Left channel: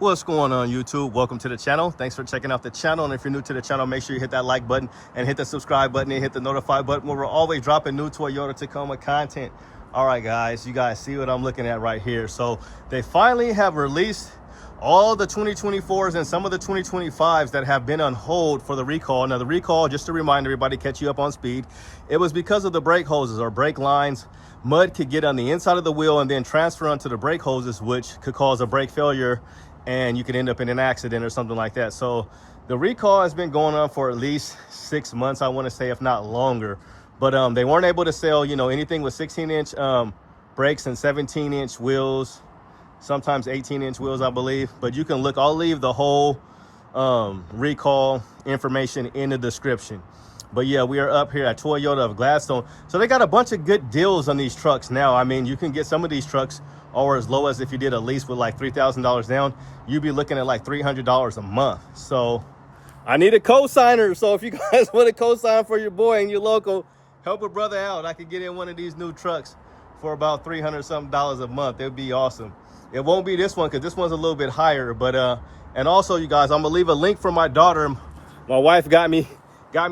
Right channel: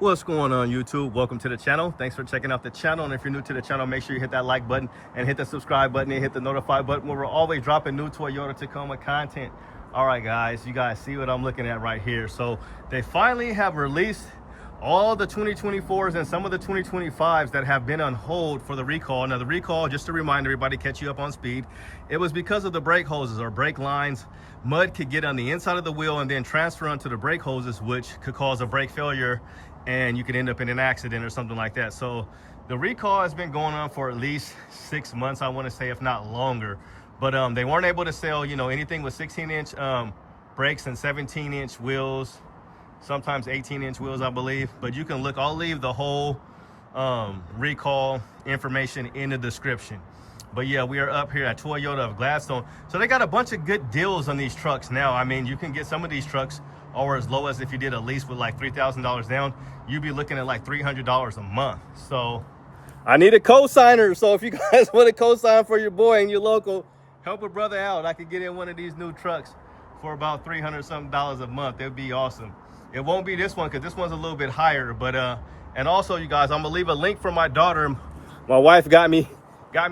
What's going on, YouTube? Welcome to the channel. Thanks for checking out the channel. And if you're new to the channel, make sure you hit that like button and hit the subscribe button and hit the notify button where we're always dropping new Toyota Tacoma content. All right, guys, you guys see what I'm looking at right here. So they finally have released all the 2024s and some of the 2025s that have been on hold for the recall. Now, the recall, just to remind everybody, catch you up on speed, it was because of the brake hoses or brake lines. Mud could get on the inside of the wheel and then transfer onto the brake hoses, which could cause a brake failure, and you could end up in an accident or something like that. So the recall has been going on for at least 6 months, I want to say, if not longer. But they weren't able to sell, anything with 16-inch brakes and 17-inch wheels, sometimes 18-inch wheels, I believe. But you can look, I'll leave the whole recall information in the description. But yeah, we are up here at Toyota of Gladstone. So they got a bunch of good deals on these trucks now. I mean, you can get some of these trucks or as low as, if you did a lease with like $3,000 down, you'd be looking at like $300 a month. So I need a co-signer. So if you guys want to co-sign for your boy and your local, help a brother out. I could get in one of these new trucks for about $300 something a month. It'd be awesome. It won't be this one because this one's a little bit higher. But and also, you guys, I'm gonna leave a link for my daughter. My wife got me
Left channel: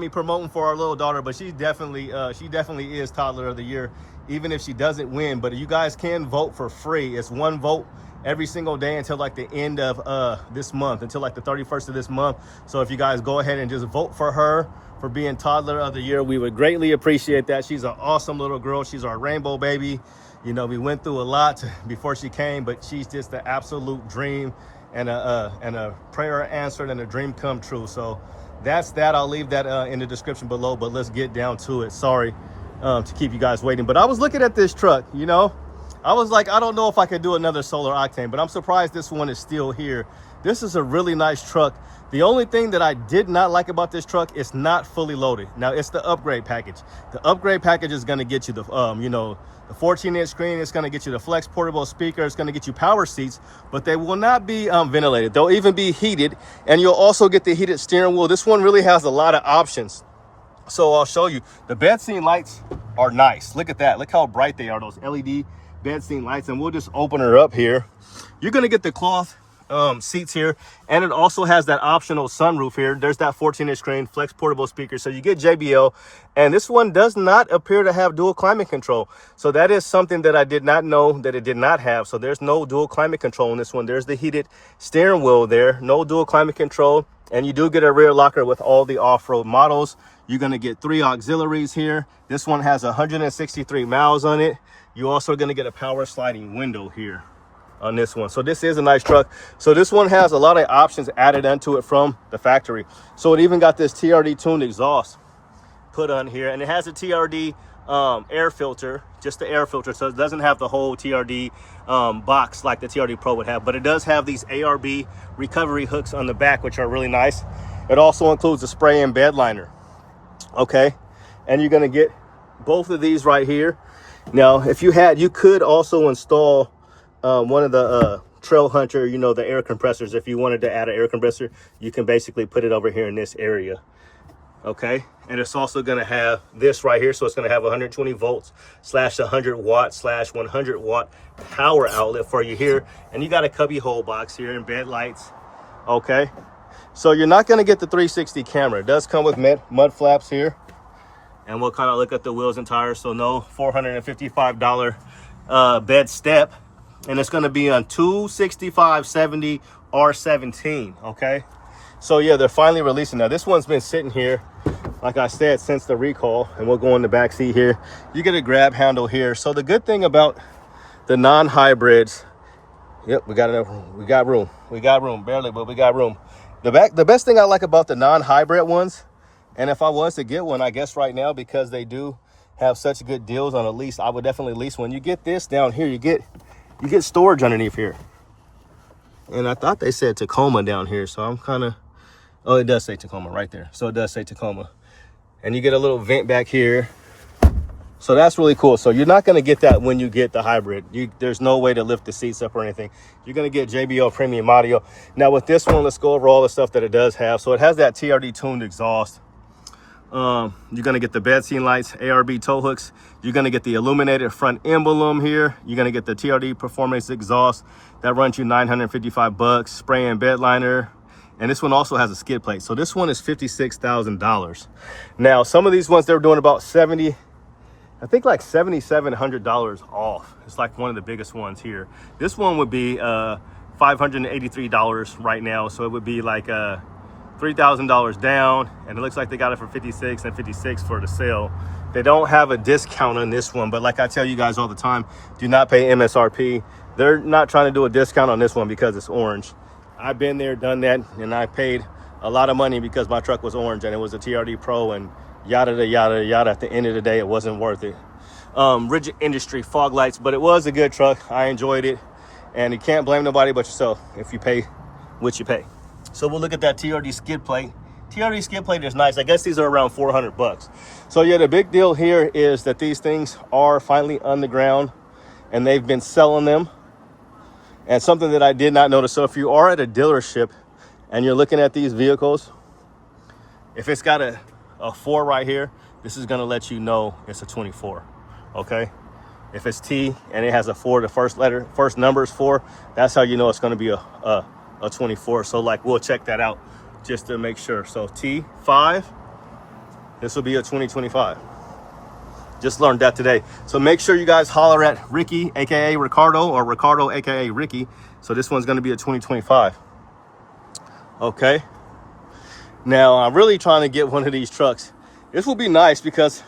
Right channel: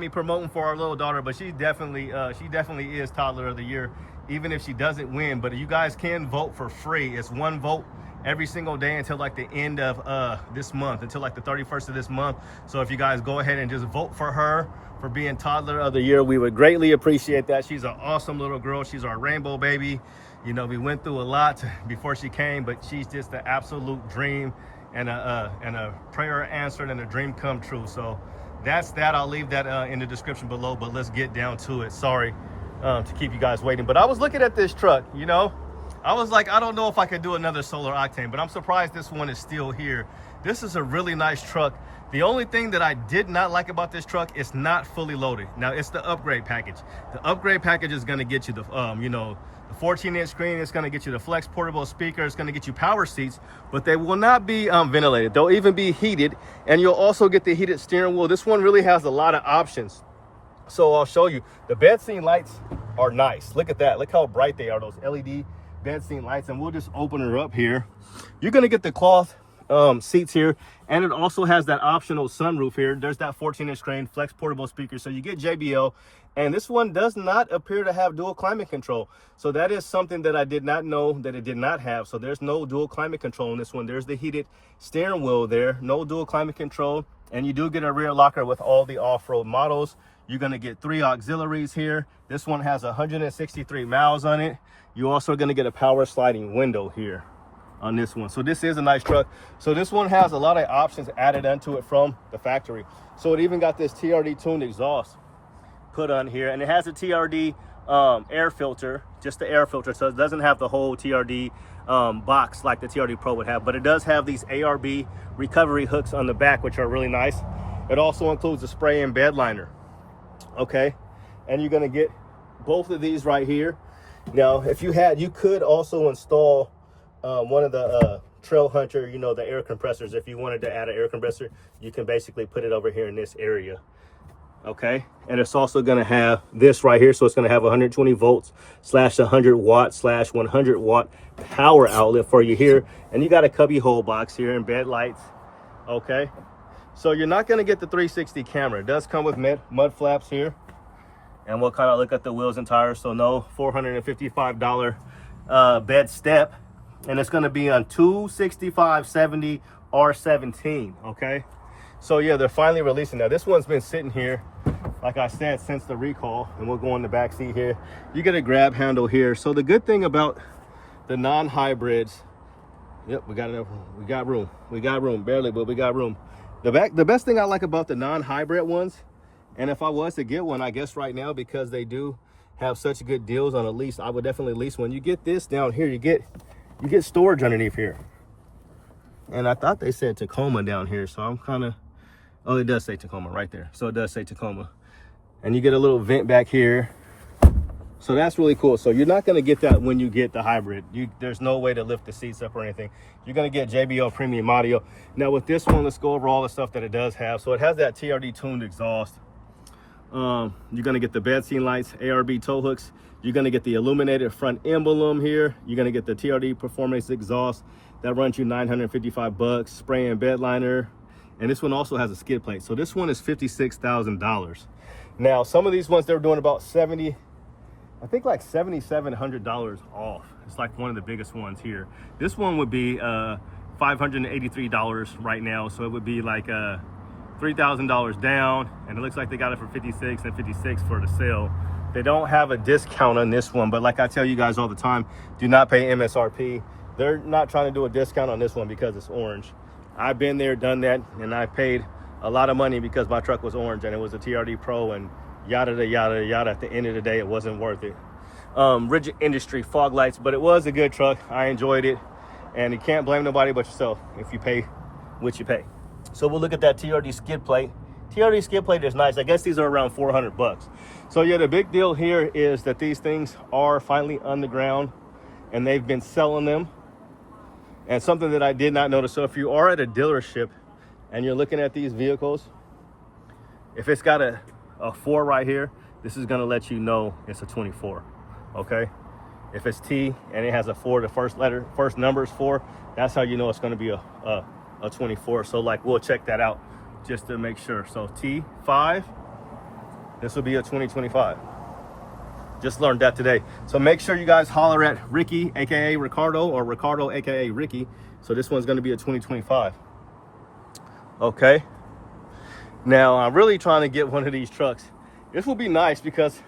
promoting for our little daughter, but she definitely is toddler of the year, even if she doesn't win. But you guys can vote for free. It's one vote every single day until like the end of this month, until like the 31st of this month. So if you guys go ahead and just vote for her for being toddler of the year, we would greatly appreciate that. She's an awesome little girl. She's our rainbow baby. We went through a lot before she came, but she's just the absolute dream and a prayer answered and a dream come true. So that's that. I'll leave that in the description below, but let's get down to it. Sorry to keep you guys waiting, but I was looking at this truck, I was like, I don't know if I could do another solar octane, but I'm surprised this one is still here. This is a really nice truck. The only thing that I did not like about this truck is not fully loaded. Now, it's the upgrade package. The upgrade package is going to get you the the 14-inch screen. It's going to get you the flex portable speaker. It's going to get you power seats, but they will not be ventilated. They'll even be heated, and you'll also get the heated steering wheel. This one really has a lot of options. So I'll show you. The bed scene lights are nice. Look at that. Look how bright they are, those LED bed scene lights. And we'll just open her up here. You're going to get the cloth seats here, and it also has that optional sunroof here. There's that 14-inch screen, flex portable speaker, so you get JBL. And this one does not appear to have dual climate control, so that is something that I did not know that it did not have. So there's no dual climate control in this one. There's the heated steering wheel there, no dual climate control, and you do get a rear locker with all the off-road models. You're going to get 3 auxiliaries here. This one has 163 miles on it. You're also going to get a power sliding window here on this one. So this is a nice truck. So this one has a lot of options added onto it from the factory. So it even got this TRD tuned exhaust put on here, and it has a TRD air filter, just the air filter. So it doesn't have the whole TRD box like the TRD Pro would have, but it does have these ARB recovery hooks on the back, which are really nice. It also includes a spray in bed liner. Okay, and you're going to get both of these right here. Now, if you could also install one of the Trail Hunter, the air compressors. If you wanted to add an air compressor, you can basically put it over here in this area. Okay, and it's also going to have this right here. So it's going to have 120 volts / 100 watt / 100 watt power outlet for you here. And you got a cubby hole box here and bed lights. Okay, so you're not going to get the 360 camera. It does come with mud flaps here. And we'll kind of look at the wheels and tires. So no $455 bed step. And it's going to be on 265/70 R17. Okay, so yeah, they're finally releasing. Now this one's been sitting here, like I said, since the recall. And we'll go in the back seat here. You get a grab handle here. So the good thing about the non-hybrids, yep, we got room barely, but we got room. The best thing I like about the non-hybrid ones, and if I was to get one, I guess right now, because they do have such good deals on a lease, I would definitely lease one. You get this down here, you get storage underneath here. And I thought they said Tacoma down here, so I'm kind of, oh, it does say Tacoma right there. So it does say Tacoma. And you get a little vent back here. So that's really cool. So you're not going to get that when you get the hybrid. There's no way to lift the seats up or anything. You're going to get JBL premium audio. Now with this one, let's go over all the stuff that it does have. So it has that TRD tuned exhaust. You're going to get the bed scene lights, ARB tow hooks. You're going to get the illuminated front emblem here. You're going to get the TRD performance exhaust. That runs you $955. Spray and bed liner. And this one also has a skid plate. So this one is $56,000. Now, some of these ones, they're doing about I think like $7,700 off. It's like one of the biggest ones here. This one would be $583 right now. So it would be like $3,000 down. And it looks like they got it for $56 and $56 for the sale. They don't have a discount on this one, but like I tell you guys all the time, do not pay MSRP. They're not trying to do a discount on this one because it's orange. I've been there, done that, and I paid a lot of money because my truck was orange and it was a TRD Pro and yada, yada, yada. At the end of the day, it wasn't worth it. Rigid Industry fog lights, but it was a good truck. I enjoyed it, and you can't blame nobody but yourself if you pay what you pay. So we'll look at that TRD skid plate. TRD skid plate is nice. I guess these are around $400. So yeah, the big deal here is that these things are finally on the ground and they've been selling them. And something that I did not notice, so if you are at a dealership and you're looking at these vehicles, if it's got a 4 right here, this is gonna let you know it's a 24, okay? If it's T and it has a 4, the first number is 4, that's how you know it's gonna be a 24. So like, we'll check that out just to make sure. So T5, this will be a 2025. Just learned that today. So make sure you guys holler at Ricky, aka Ricardo, or Ricardo, aka Ricky. So this one's going to be a 2025. Okay. Now I'm really trying to get one of these trucks. This will be nice because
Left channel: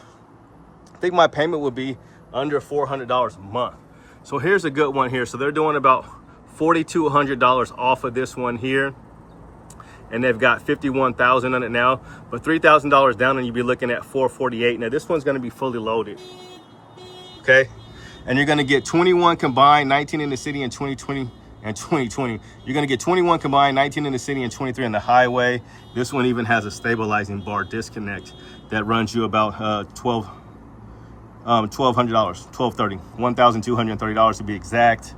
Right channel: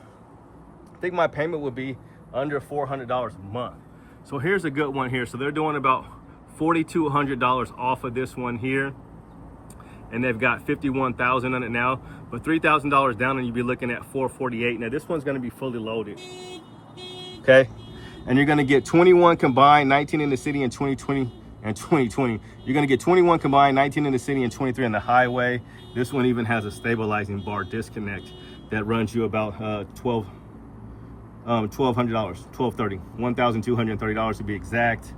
I think my payment would be under $400 a month. So here's a good one here. So they're doing about $4,200 off of this one here. And they've got $51,000 on it now, but $3,000 down and you'd be looking at $448. Now this one's gonna be fully loaded, okay? And you're gonna get 21 combined, 19 in the city and 2020 and 2020. You're gonna get 21 combined, 19 in the city and 23 on the highway. This one even has a stabilizing bar disconnect that runs you about $1,230, $1,230 to be exact.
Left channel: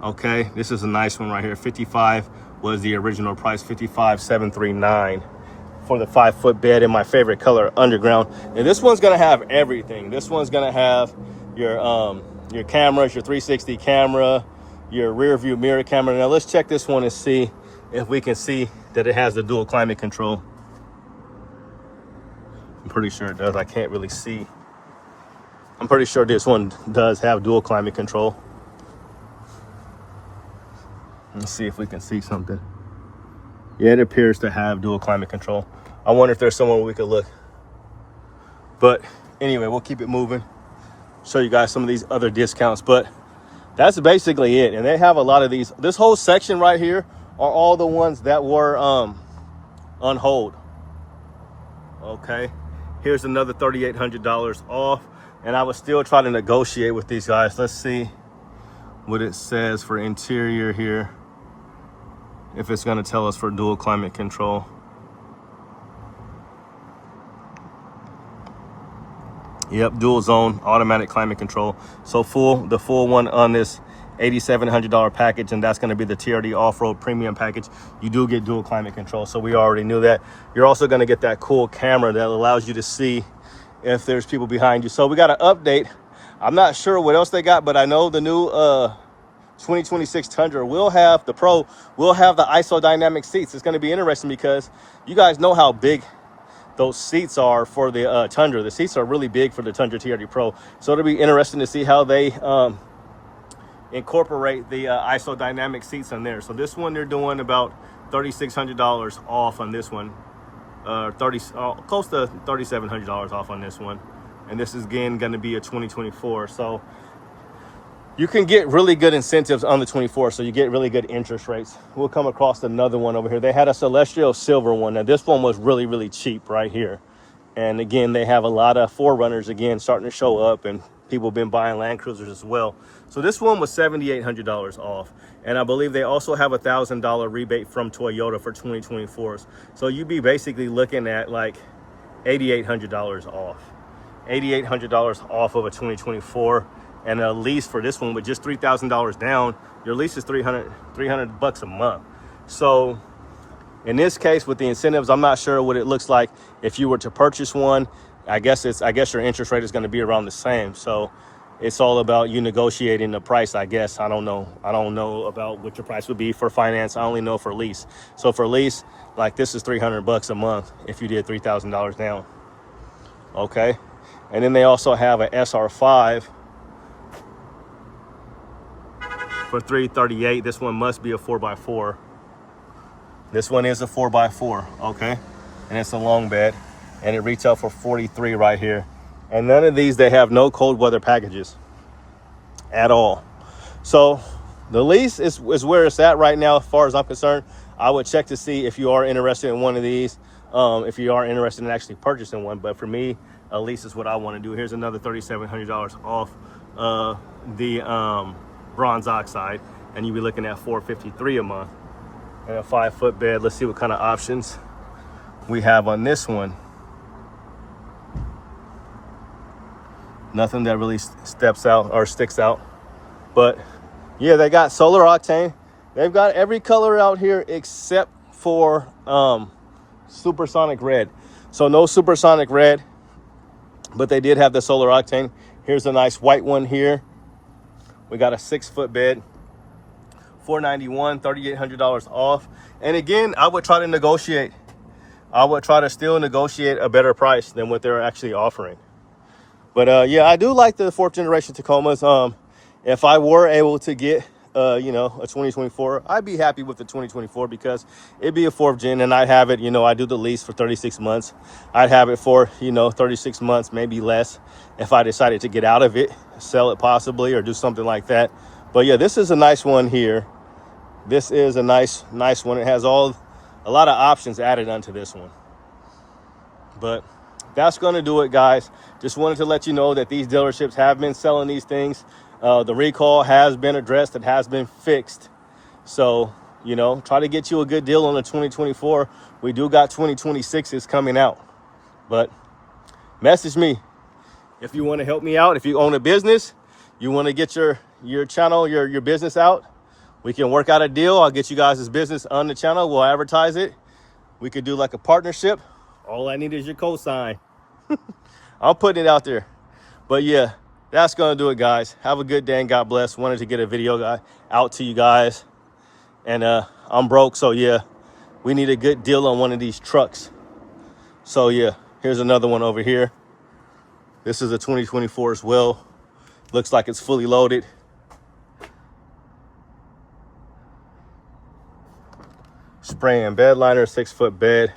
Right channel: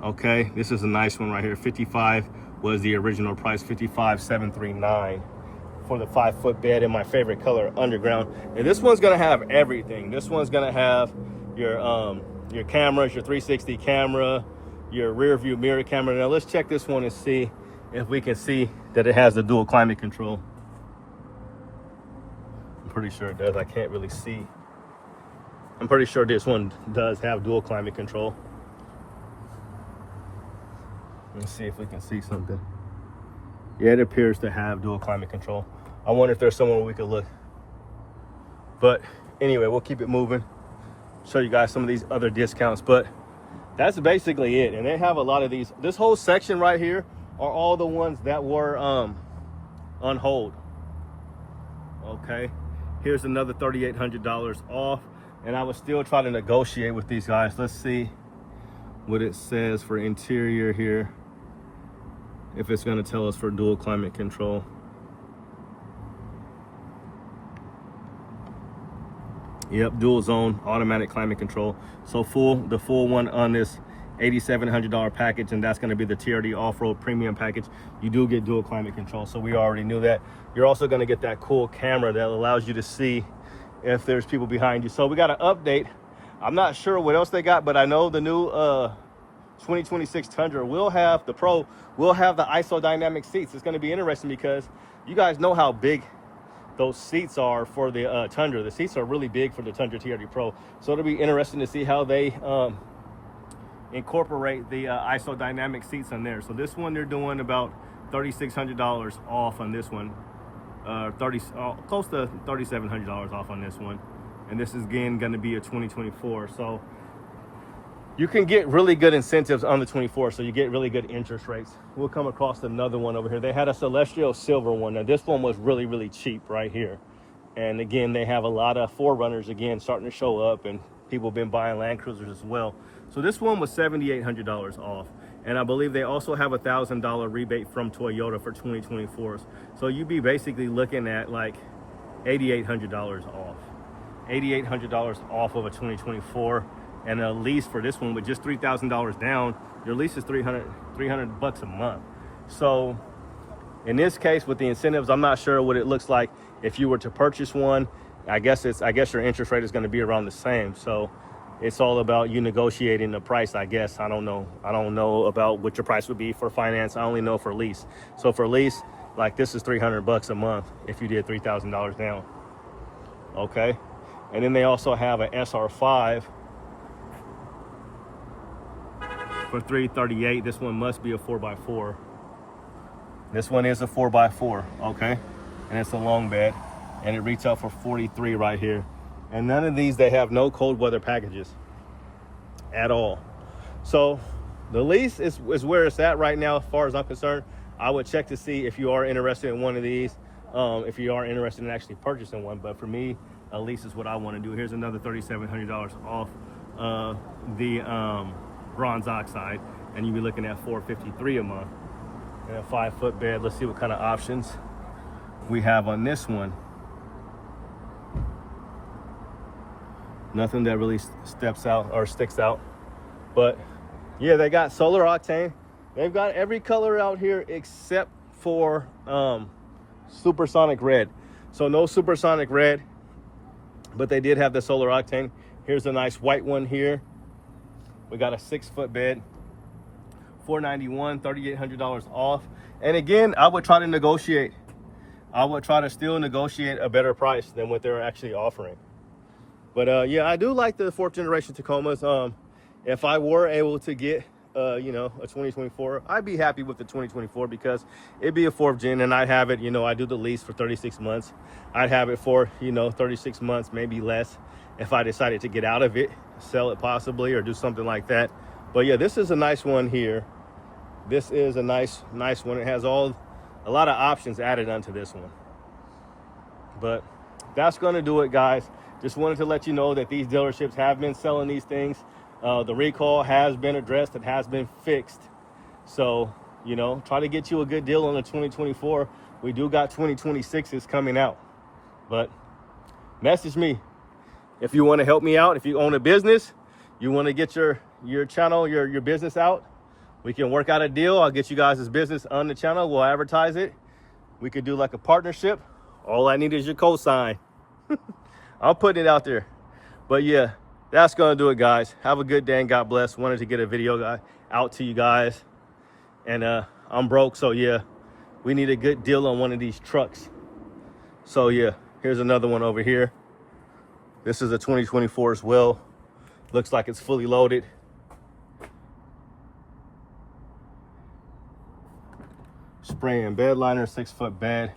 Okay, this is a nice one right here. 55 was the original price, 55,739 for the 5-foot bed in my favorite color, underground. And this one's gonna have everything. This one's gonna have your cameras, your 360 camera, your rear view mirror camera. Now let's check this one and see if we can see that it has the dual climate control. I'm pretty sure it does. I can't really see. I'm pretty sure this one does have dual climate control. Let's see if we can see something. Yeah, it appears to have dual climate control. I wonder if there's somewhere we could look. But anyway, we'll keep it moving. Show you guys some of these other discounts, but that's basically it. And they have a lot of these. This whole section right here are all the ones that were on hold. Okay, here's another $3,800 off. And I was still trying to negotiate with these guys. Let's see what it says for interior here, if it's going to tell us for dual climate control. Yep, dual zone automatic climate control. So the full one on this $8,700 package, and that's going to be the TRD off-road premium package. You do get dual climate control, so we already knew that. You're also going to get that cool camera that allows you to see if there's people behind you. So we got an update. I'm not sure what else they got, but I know the new 2026 Tundra will have, the Pro will have the isodynamic seats. It's going to be interesting because you guys know how big those seats are for the Tundra. The seats are really big for the Tundra TRD Pro. So it'll be interesting to see how they incorporate the isodynamic seats on there. So this one, they're doing about $3,600 off on this one. Close to $3,700 off on this one. And this is again going to be a 2024. So you can get really good incentives on the 24, so you get really good interest rates. We'll come across another one over here. They had a Celestial Silver one. Now this one was really, really cheap right here. And again, they have a lot of 4Runners again starting to show up, and people have been buying Land Cruisers as well. So this one was $7,800 off. And I believe they also have a $1,000 rebate from Toyota for 2024s. So you'd be basically looking at like $8,800 off. $8,800 off of a 2024. And a lease for this one with just $3,000 down, your lease is $300 bucks a month. So in this case with the incentives, I'm not sure what it looks like if you were to purchase one. I guess your interest rate is going to be around the same. So it's all about you negotiating the price, I guess. I don't know about what your price would be for finance. I only know for lease. So for lease, like this is $300 a month if you did $3,000 down. Okay. And then they also have an SR5 for $338. This one must be a 4x4. This one is a 4x4, okay? And it's a long bed, and it retails for $43 right here. And none of these, they have no cold weather packages at all. So the lease is where it's at right now as far as I'm concerned. I would check to see if you are interested in one of these, if you are interested in actually purchasing one. But for me, a lease is what I want to do. Here's another $3,700 off the bronze oxide, and you'll be looking at $453 a month. And a 5-foot bed. Let's see what kind of options we have on this one. Nothing that really steps out or sticks out, but yeah, they got solar octane. They've got every color out here except for supersonic red. So no supersonic red, but they did have the solar octane. Here's a nice white one here. We got a 6-foot bed, $491, $3,800 off. And again, I would try to negotiate. I would try to still negotiate a better price than what they're actually offering. But yeah, I do like the 4th generation Tacomas. If I were able to get, you know, a 2024, I'd be happy with the 2024 because it'd be a 4th gen, and I'd have it, you know, I do the lease for 36 months. I'd have it for, you know, 36 months, maybe less, if I decided to get out of it, sell it possibly, or do something like that. But yeah, this is a nice one here. This is a nice one. It has a lot of options added onto this one. But that's going to do it, guys. Just wanted to let you know that these dealerships have been selling these things. The recall has been addressed. It has been fixed. So, you know, try to get you a good deal on the 2024. We do got 2026s coming out. But message me if you want to help me out. If you own a business, you want to get your channel, your business out, we can work out a deal. I'll get you guys' business on the channel. We'll advertise it. We could do like a partnership. All I need is your cosign. I'm putting it out there. But yeah, that's going to do it, guys. Have a good day and God bless. Wanted to get a video out to you guys. And I'm broke, so yeah, we need a good deal on one of these trucks. So yeah, here's another one over here. This is a 2024 as well. Looks like it's fully loaded. Spray and bed liner, 6-foot bed.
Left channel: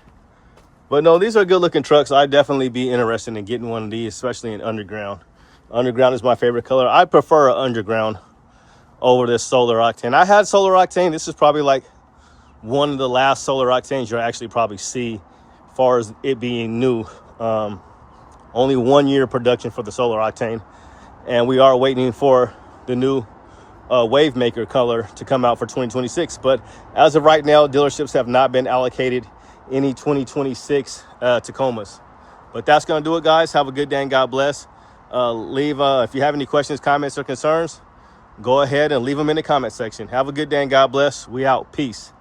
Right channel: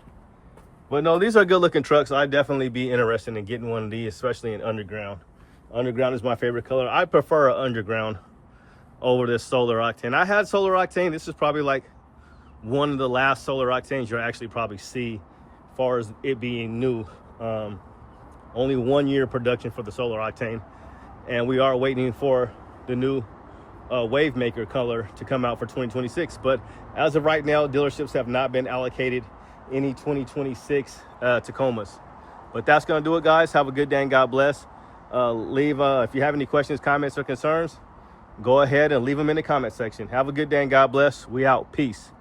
But no, these are good looking trucks. I'd definitely be interested in getting one of these, especially in underground. Underground is my favorite color. I prefer an underground over this solar octane. I had solar octane. This is probably like one of the last solar octanes you'll actually probably see as far as it being new. Only 1 year production for the solar octane. And we are waiting for the new wave maker color to come out for 2026. But as of right now, dealerships have not been allocated any 2026 Tacomas. But that's going to do it, guys. Have a good day and God bless. Leave if you have any questions, comments, or concerns, go ahead and leave them in the comment section. Have a good day and God bless. We out. Peace.